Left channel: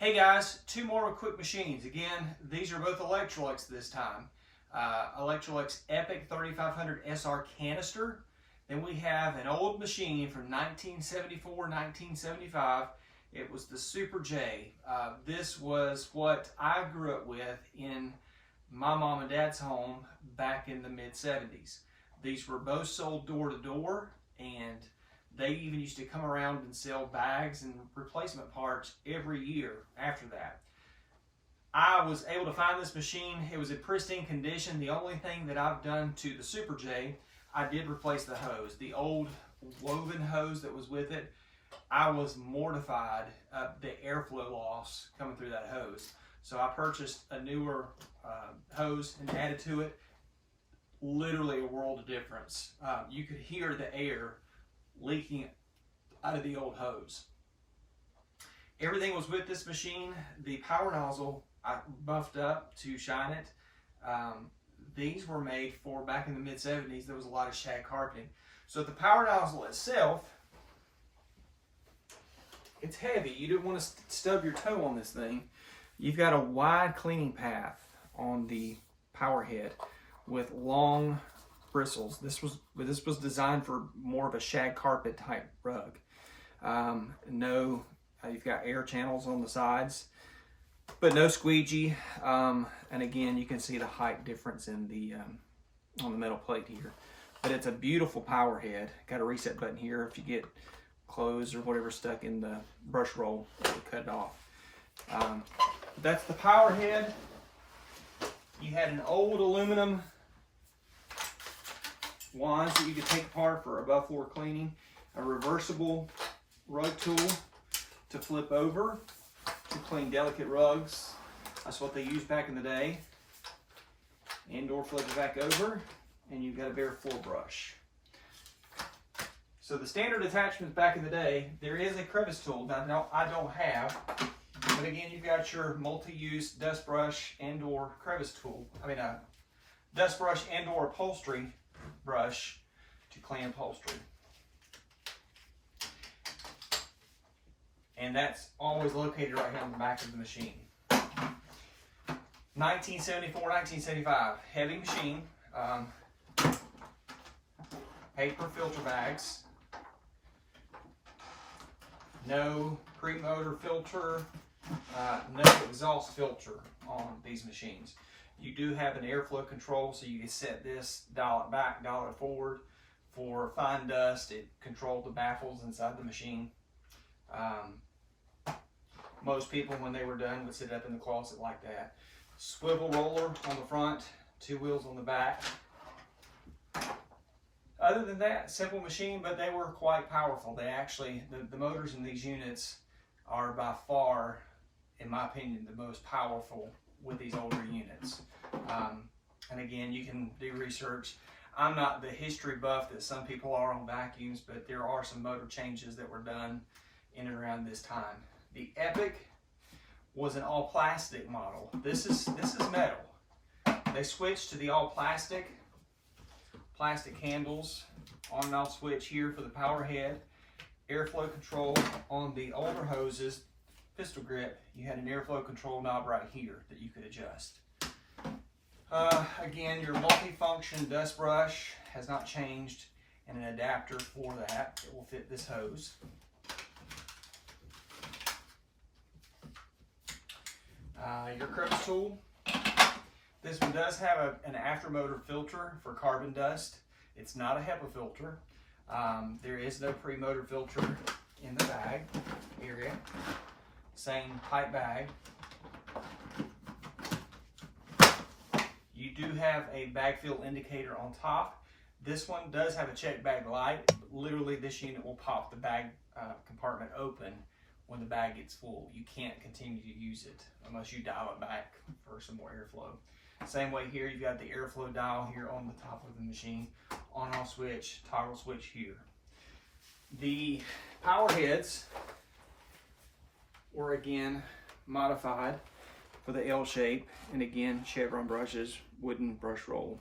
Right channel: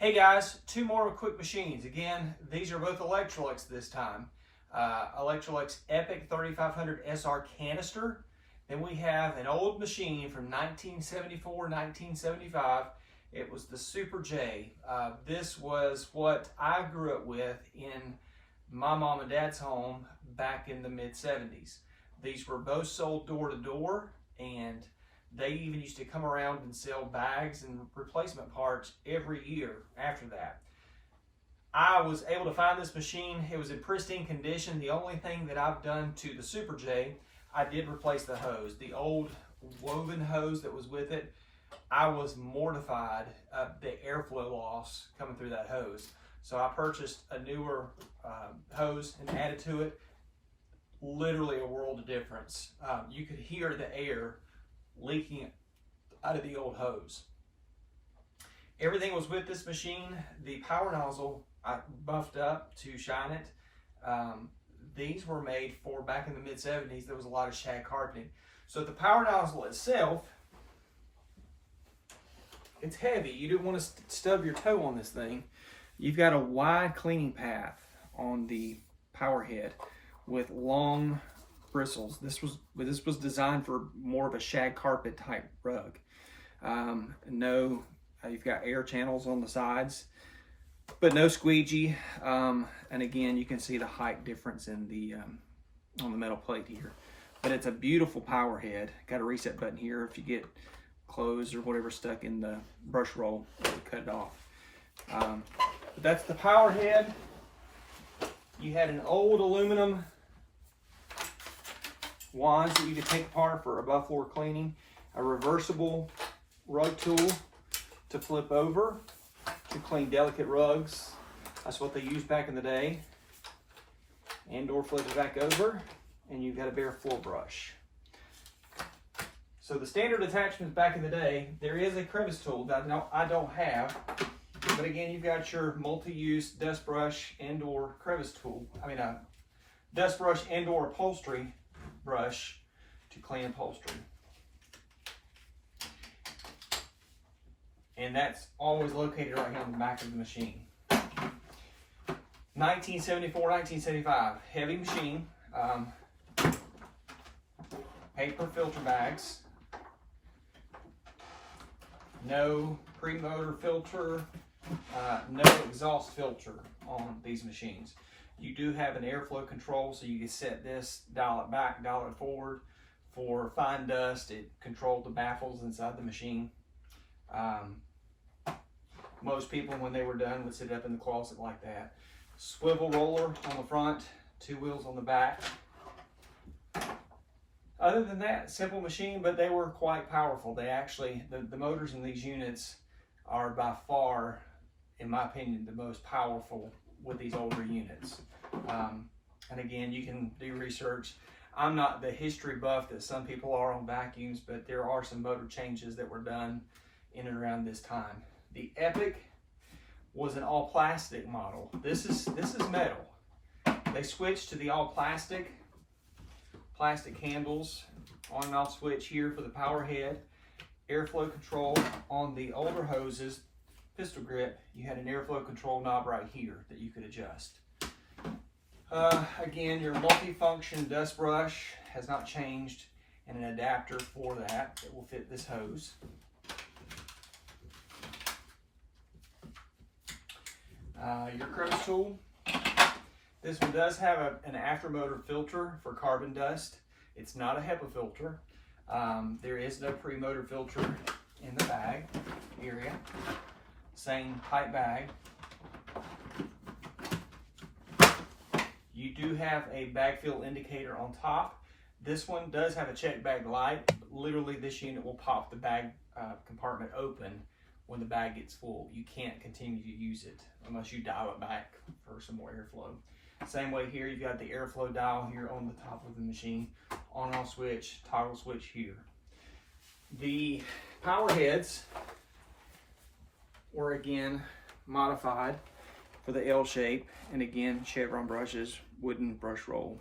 Hey guys, two more quick machines. Again, these are both Electrolux this time. Electrolux Epic 3500 SR canister. Then we have an old machine from 1974, 1975. It was the Super J. This was what I grew up with in my mom and dad's home back in the mid-70s. These were both sold door to door, and they even used to come around and sell bags and replacement parts every year after that. I was able to find this machine. It was in pristine condition. The only thing that I've done to the Super J, I did replace the hose. The old woven hose that was with it, I was mortified of the airflow loss coming through that hose. So I purchased a newer hose and added to it. Literally a world of difference. You could hear the air leaking out of the old hose. Everything was with this machine. The power nozzle I buffed up to shine it. These were made for back in the mid-70s. There was a lot of shag carpeting. So the power nozzle itself, it's heavy. You don't want to stub your toe on this thing. You've got a wide cleaning path on the power head with long bristles. This was designed for more of a shag carpet type rug. You've got air channels on the sides, but no squeegee. And again, you can see the height difference in the on the metal plate here. But it's a beautiful power head. Got a reset button here. If you get clothes or whatever stuck in the brush roll, you cut it off. But that's the power head. You had an old aluminum wands that you could take apart for above floor cleaning, a reversible rug tool to flip over to clean delicate rugs. That's what they used back in the day. And or flip it back over, and you've got a bare floor brush. So the standard attachments back in the day, there is a crevice tool that I don't have, but again, you've got your multi-use dust brush and or crevice tool. Dust brush and or upholstery brush to clean upholstery. And that's always located right here on the back of the machine. 1974, 1975, heavy machine. Paper filter bags. No pre-motor filter, no exhaust filter on these machines. You do have an airflow control, so you can set this, dial it back, dial it forward. For fine dust, it controlled the baffles inside the machine. Most people, when they were done, would sit up in the closet like that. Swivel roller on the front, two wheels on the back. Other than that, simple machine, but they were quite powerful. They actually, the motors in these units are by far, in my opinion, the most powerful with these older units. And again, you can do research. I'm not the history buff that some people are on vacuums, but there are some motor changes that were done in and around this time. The Epic was an all plastic model. This is metal. They switched to the all plastic handles, on and off switch here for the power head, airflow control. On the older hoses, pistol grip, you had an airflow control knob right here that you could adjust. Again, your multi-function dust brush has not changed, and an adapter for that will fit this hose. Your crevice tool. This one does have an aftermotor filter for carbon dust. It's not a HEPA filter. There is no pre-motor filter in the bag area. Same type bag. You do have a bag fill indicator on top. This one does have a check bag light. Literally, this unit will pop the bag compartment open when the bag gets full. You can't continue to use it unless you dial it back for some more airflow. Same way here, you've got the airflow dial here on the top of the machine. On and off switch, toggle switch here. The power heads were again modified for the L shape, and again, chevron brushes, wooden brush roll.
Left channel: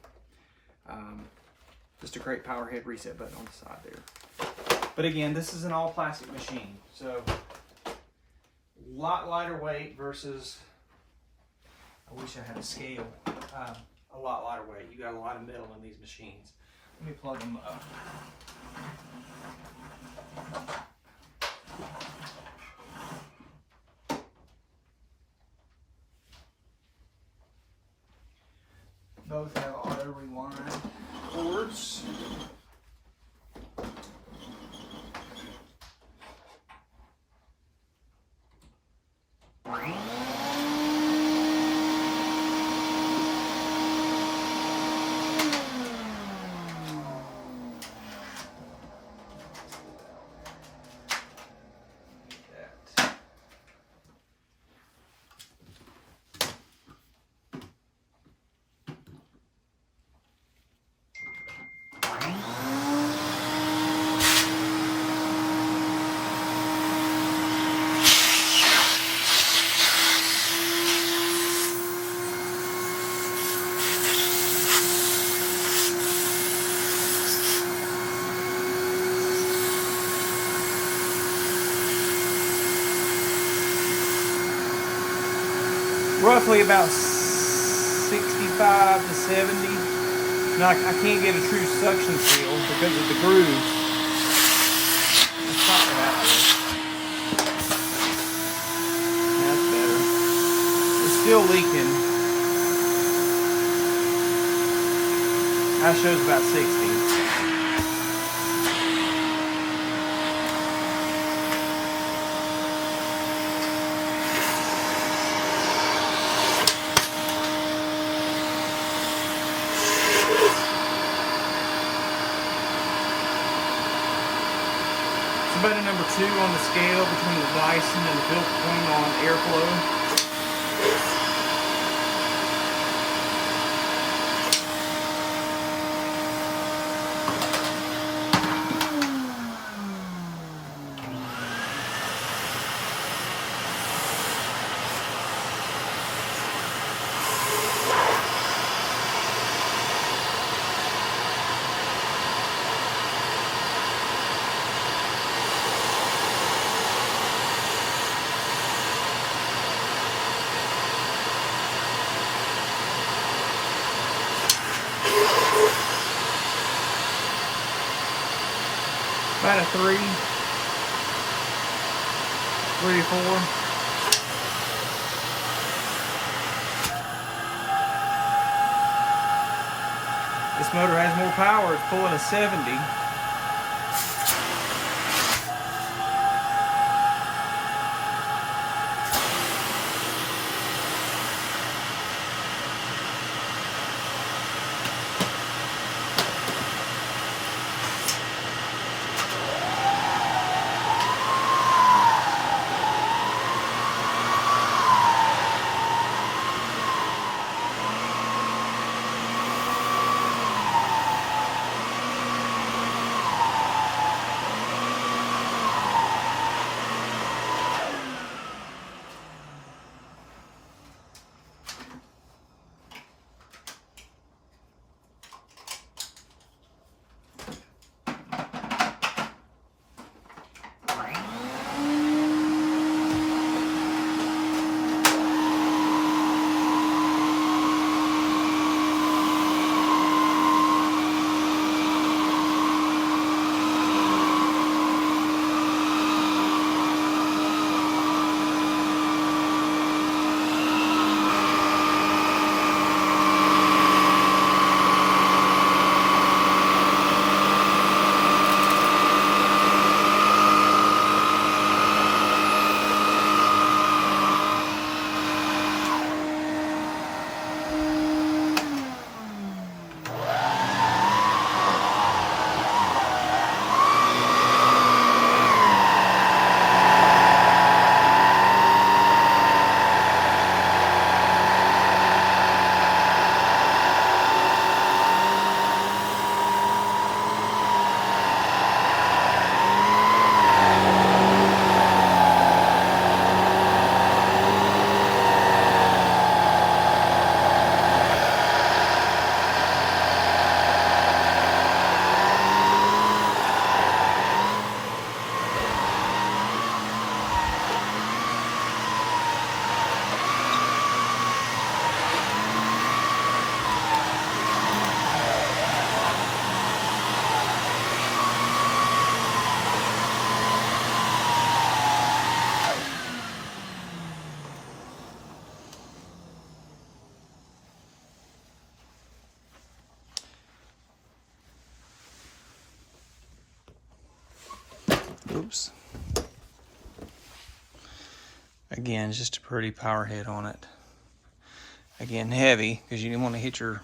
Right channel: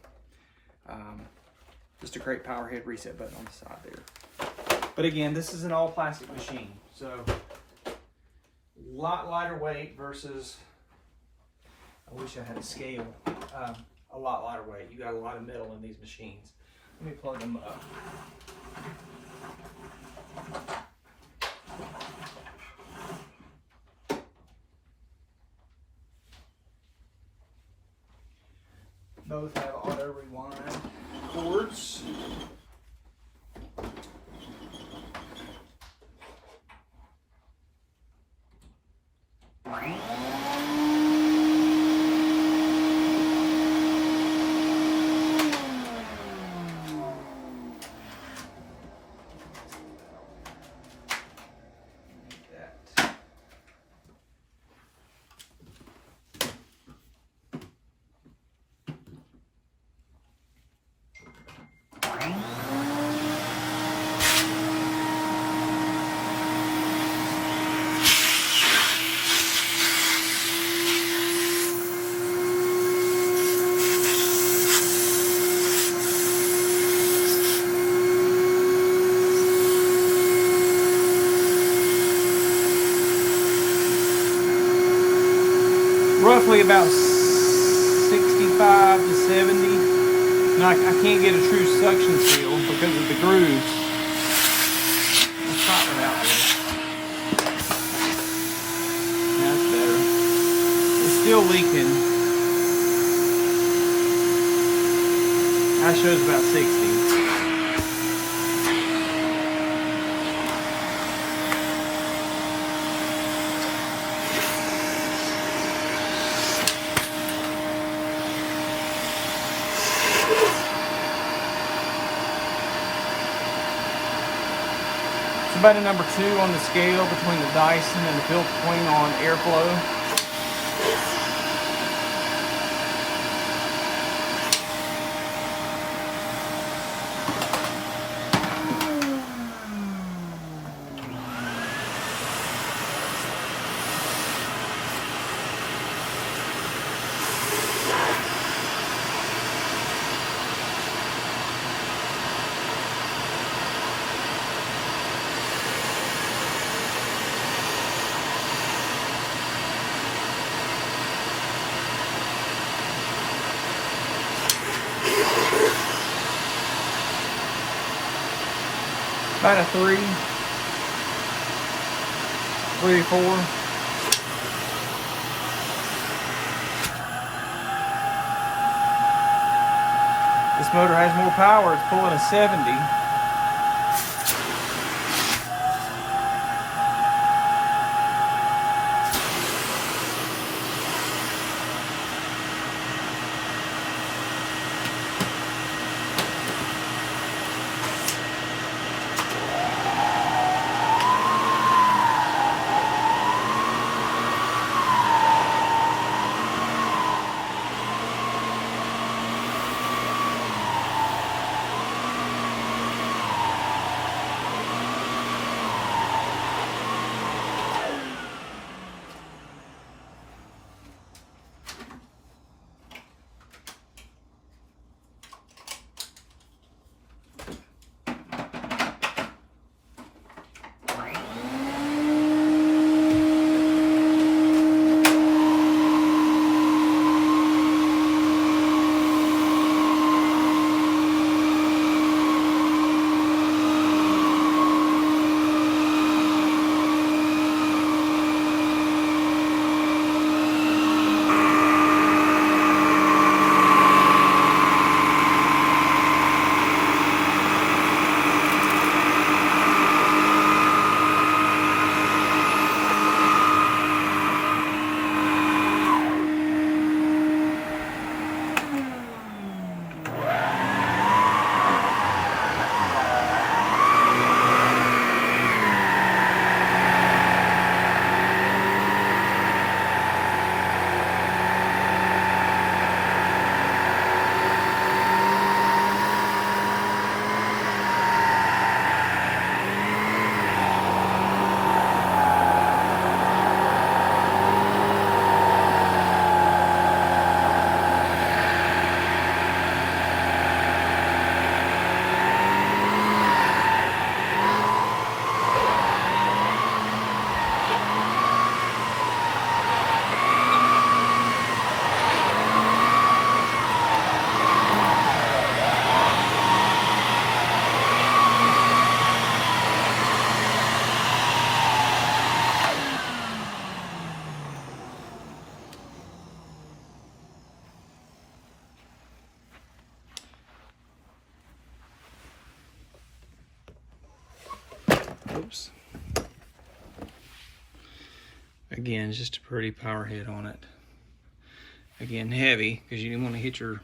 Just a great power head reset button on the side there. But again, this is an all plastic machine, so lot lighter weight versus, I wish I had a scale, a lot lighter weight. You got a lot of metal in these machines. Let me plug them up. Both have auto rewind cords. Roughly about 65 to 70. Now I can't get a true suction seal because of the grooves. Let's pop it out here. That's better. It's still leaking. That shows about 60. About a number 2 on the scale between the Dyson and the filter clean on airflow. About a 3 to 4. This motor has more power. It's pulling a 70. Oops. Again, just a pretty power head on it. Again, heavy, because you didn't want to hit your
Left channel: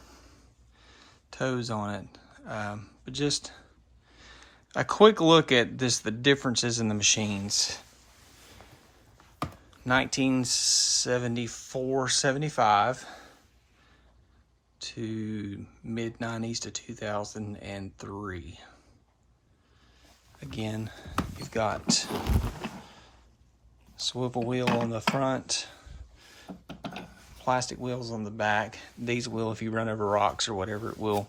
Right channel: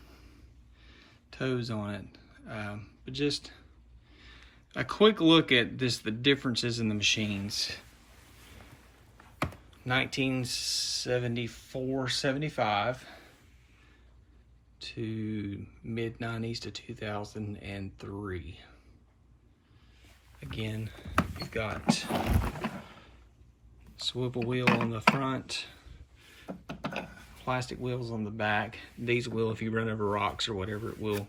toes on it. But just a quick look at this, the differences in the machines. 1974, 75 to mid-90s to 2003. Again, you've got swivel wheel on the front, plastic wheels on the back. These will, if you run over rocks or whatever, it will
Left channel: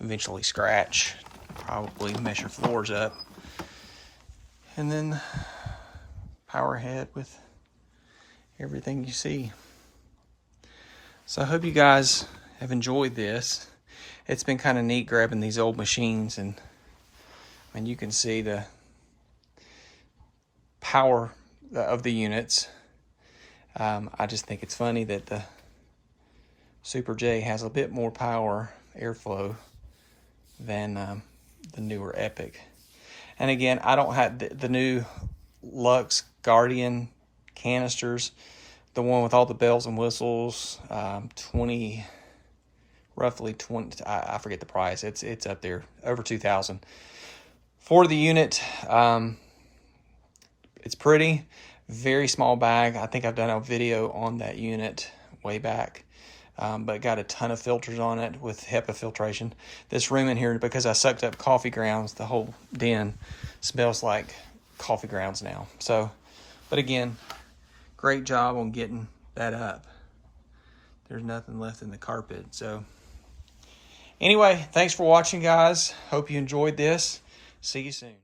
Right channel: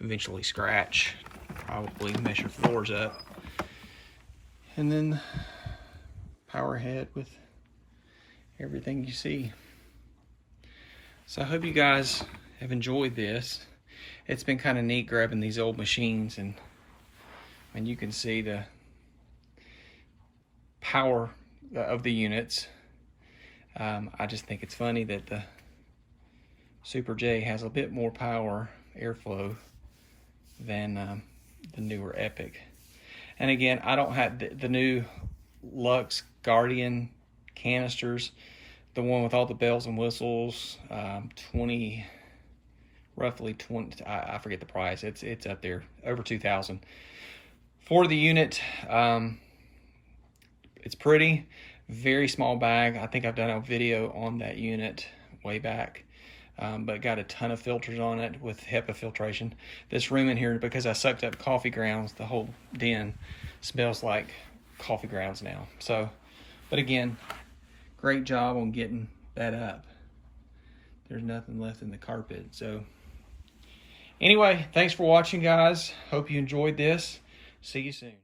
eventually scratch, probably mess your floors up. And then power head with everything you see. So I hope you guys have enjoyed this. It's been kind of neat grabbing these old machines, and you can see the power of the units. I just think it's funny that the Super J has a bit more power, airflow, than the newer Epic. And again, I don't have the new Lux Guardian canisters, the one with all the bells and whistles, roughly 20, I forget the price. It's up there, over 2,000 for the unit. It's pretty, very small bag. I think I've done a video on that unit way back, but got a ton of filters on it with HEPA filtration. This room in here, because I sucked up coffee grounds, the whole den smells like coffee grounds now. So, but again, great job on getting that up. There's nothing left in the carpet. So anyway, thanks for watching, guys. Hope you enjoyed this. See you soon.